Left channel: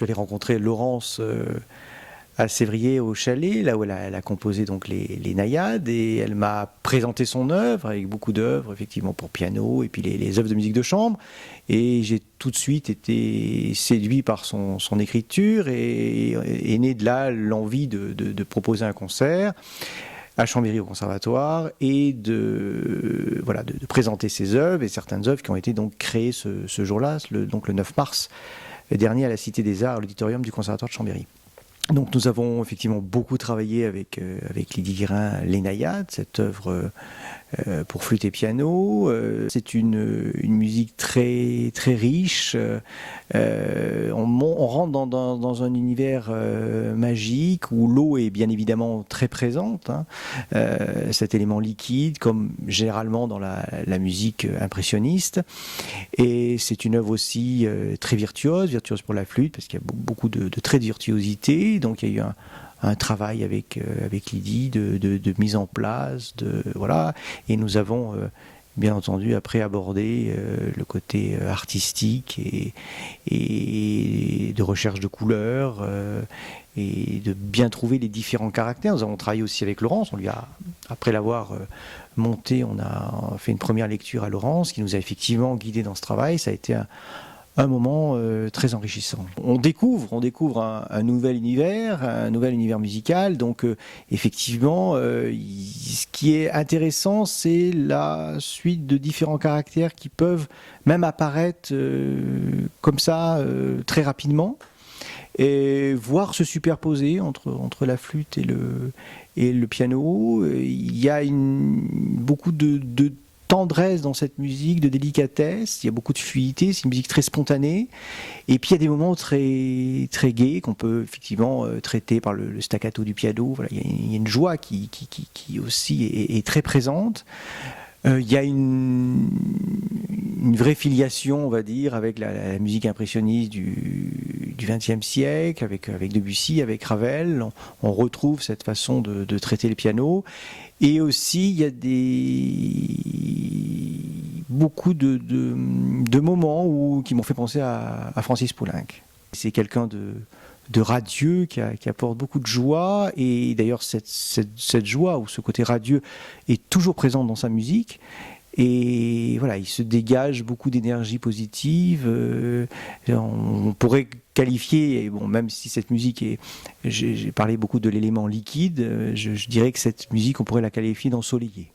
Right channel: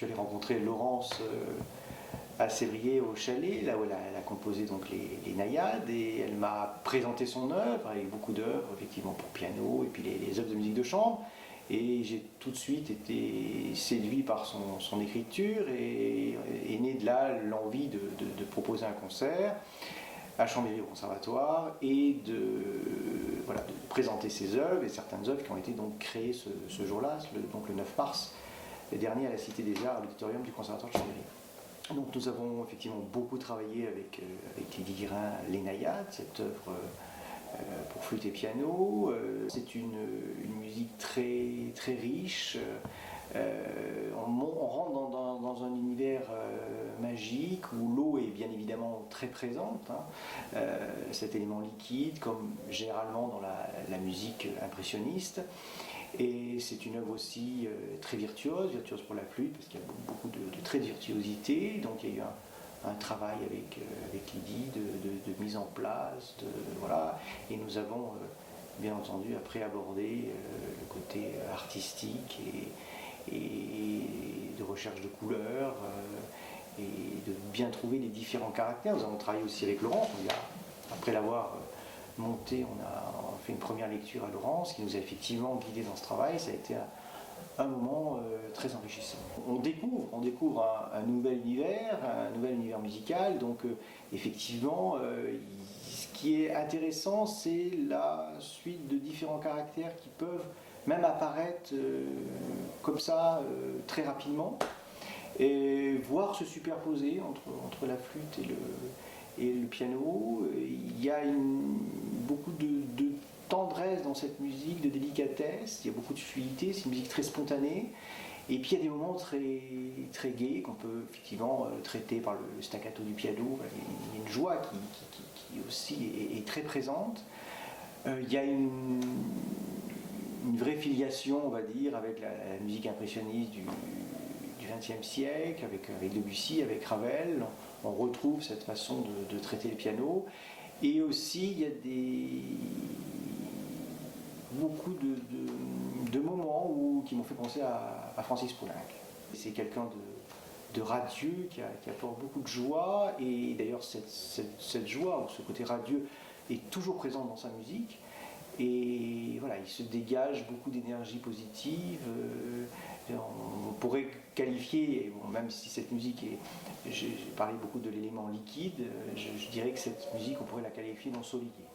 suis allé rencontrer Laurence à Sévrier au chalet, là où elle a composé donc les naïades, et elle m'a présenté son œuvre, avec beaucoup d'œuvres, effectivement pour piano, et puis les œuvres de musique de chambre. Et j'ai tout de suite été séduit par son écriture, et est née de là l'envie de proposer un concert à Chambéry au conservatoire, et voilà, de présenter ses œuvres, et certaines œuvres qui ont été donc créées ce jour-là, donc le 9 mars dernier à la Cité des Arts, à l'auditorium du conservatoire de Chambéry. Donc nous avons effectivement beaucoup travaillé avec Lydie Guérin, les naïades, cette œuvre pour flûte et piano. C'est une musique très, très riche. On rentre dans un univers magique où l'eau est bien évidemment très présente, hein, cet élément liquide, comme généralement dans la musique impressionniste. Et c'est une œuvre aussi très virtuose pour la flûte, parce qu'il y a beaucoup de traits de virtuosité. Donc il y a eu un travail avec Lydie de mise en place, voilà. Et nous avons bien entendu après abordé le côté artistique et de recherche de couleurs, et de bien trouver les différents caractères. Nous avons travaillé aussi avec Laurence. Après l'avoir monté, on a fait une première lecture à Laurence qui nous a effectivement guidés dans ce travail. Ça a été un moment très enrichissant. On découvre un nouvel univers musical. Donc effectivement, ce qui est intéressant, c'est la suite de différents caractères qui peuvent même apparaître comme ça très rapidement, et voir se superposer entre la flûte et le piano. Il y a beaucoup de tendresse dans cette musique, de délicatesse, il y a beaucoup de fluidité, c'est une musique très spontanée, et puis il y a des moments très, très gais qu'on peut effectivement traiter par le staccato du piano. Voilà, il y a une joie qui aussi est très présente. Il y a une vraie filiation, on va dire, avec la musique impressionniste du XXe siècle, avec Debussy, avec Ravel. On retrouve cette façon de traiter le piano. Et aussi, il y a beaucoup de moments qui m'ont fait penser à Francis Poulenc. C'est quelqu'un de radieux qui apporte beaucoup de joie, et d'ailleurs cette joie, ou ce côté radieux, est toujours présente dans sa musique. Et voilà, il se dégage beaucoup d'énergie positive. On pourrait qualifier, bon, même si cette musique j'ai parlé beaucoup de l'élément liquide, je dirais que cette musique, on pourrait la qualifier d'ensoleillée.